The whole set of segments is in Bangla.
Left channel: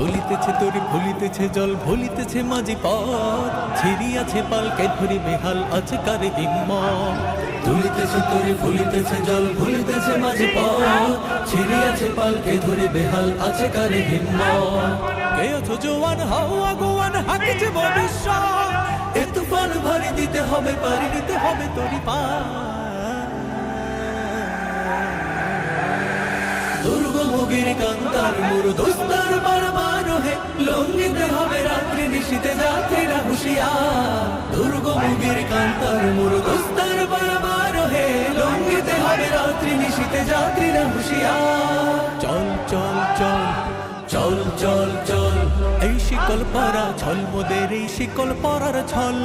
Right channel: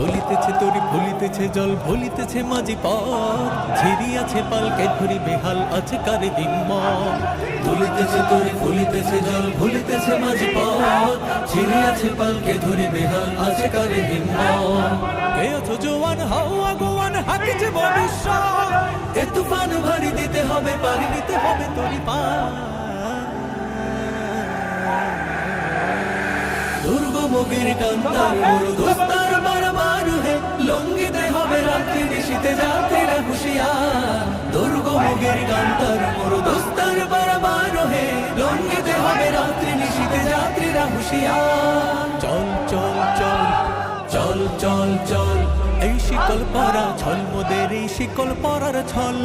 দলিতেছে তরি ভুলিতেছে জল ভুলিতেছে মাঝি পথ ছিড়িয়াছে পালকে ধরি বেহাল আছে কারে হিম্মত তুলিতেছে তরি ভুলিতেছে জল ভুলিতেছে মাঝি পথ ছিড়িয়াছে পালকে ধরি বেহাল আছে কারে হিম্মত কে আছো জোয়ান হাও আগোয়ান হাকিছে ভবিষ্যৎ এ তুফান ভারী দিতে হবে পারি দিতে হবে তরি পা দুর্গমগির কান্তার মোর দোস্তার বারবার হে লঙ্ঘিতে হবে রাত্রি নিশীতে যাত্রীরা হুঁশিয়ার দুর্গমগির কান্তার মোর দোস্তার বারবার হে লঙ্ঘিতে হবে রাত্রি নিশীতে যাত্রীরা হুঁশিয়ার চল চল চল চল চল চল এই শিকল পরা ছল মোদের এই শিকল পরার ছল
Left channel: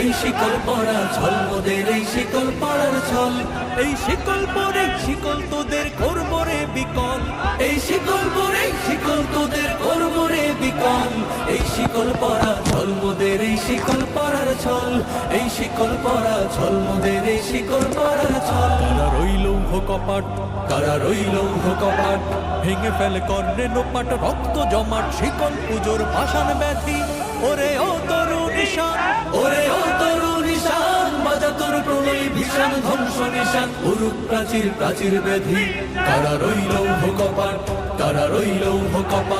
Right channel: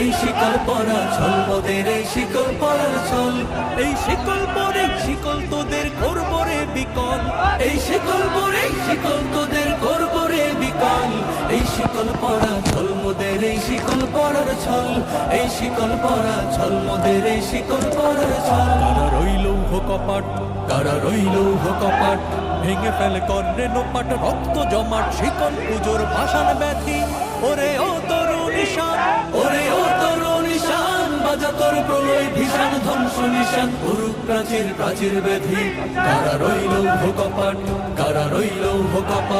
এই শিকল পরা ছল মোদের এই শিকল পরার ছল এই শিকল পরে শিকল তোদের করব রে বিকল এই শিকল পরে শিকল তোদের করব রে বিকল এই শিকল পরা ছল মোদের এই শিকল পরার ছল এই শিকল পরা ছল মোদের এই শিকল পরার ছল কারা রইল কপাট কারা রইল কপাট ভেঙে ফেলে কর্ণে নোপাট রক্ত জমাট শিকল পুজোর পাষাণ ব্যাধি ওরে ও তরু নিশান ওরে ও তরু নিশান বাজা তোর প্রলয় ভীষণ ধ্বংস নিশান উরুক প্রাচীর প্রাচীর ব্যাধি কারা রইল কপাট কারা রইল কপাট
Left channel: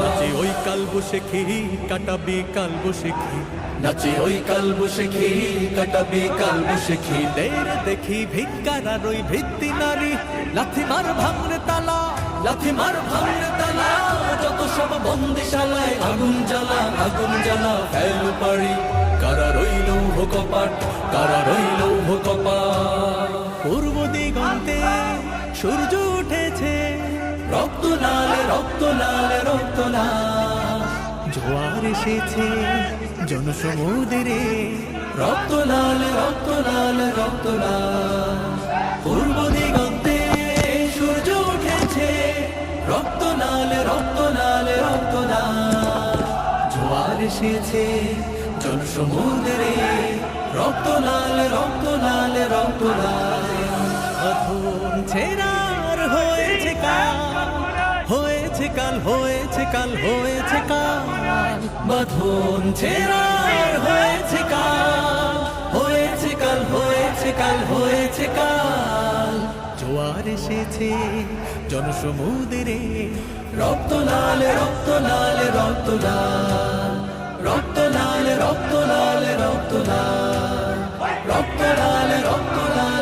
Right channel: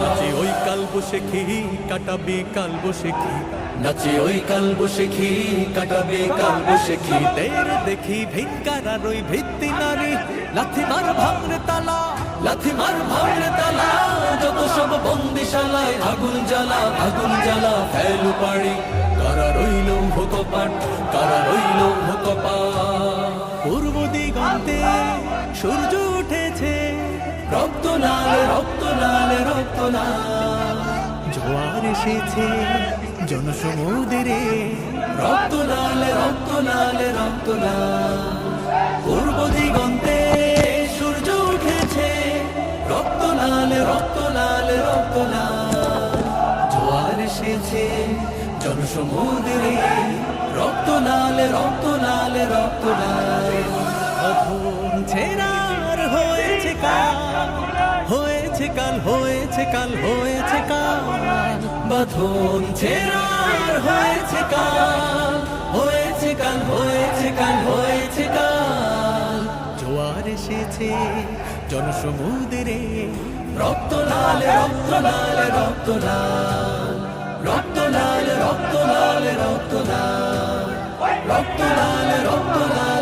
নাচে ওই কাল বসে খেহি কাটাবে কাল বসে খি নাচে ওই কাল বসে খি কাটাবে কাল বসে খি দের দেখি ভিকারা রই ভিত্তি নারী লাথি মার ভাঙরে তালা লাথি মার ভাঙরে তালা যত সব বন্দিশালায় আগুন জ্বালা ফেলু পাড়ি কারা রইল কপাট কারা রইল কপাট পূর্ব দিগন্তে সূর্য উঠেছে রক্ত লাল রক্ত লাল রক্ত লাল জোয়ার এসেছে জনসমুদ্রে রক্ত লাল রক্ত লাল রক্ত লাল পূর্ব দিগন্তে সূর্য উঠেছে রক্ত লাল রক্ত লাল রক্ত লাল জোয়ার এসেছে জনসমুদ্রে রক্ত লাল রক্ত লাল রক্ত লাল অধম ছেড়ার হয়েছে কাল হয়েছে কাল হয়েছে কাল হয়েছে কাল বাঁধন ছেড়ার হয়েছে কাল হয়েছে কাল হয়েছে কাল হয়েছে কাল জোয়ার এসেছে জনসমুদ্রে রক্ত লাল রক্ত লাল রক্ত লাল রক্ত লাল রক্ত লাল রক্ত লাল রক্ত লাল রক্ত লাল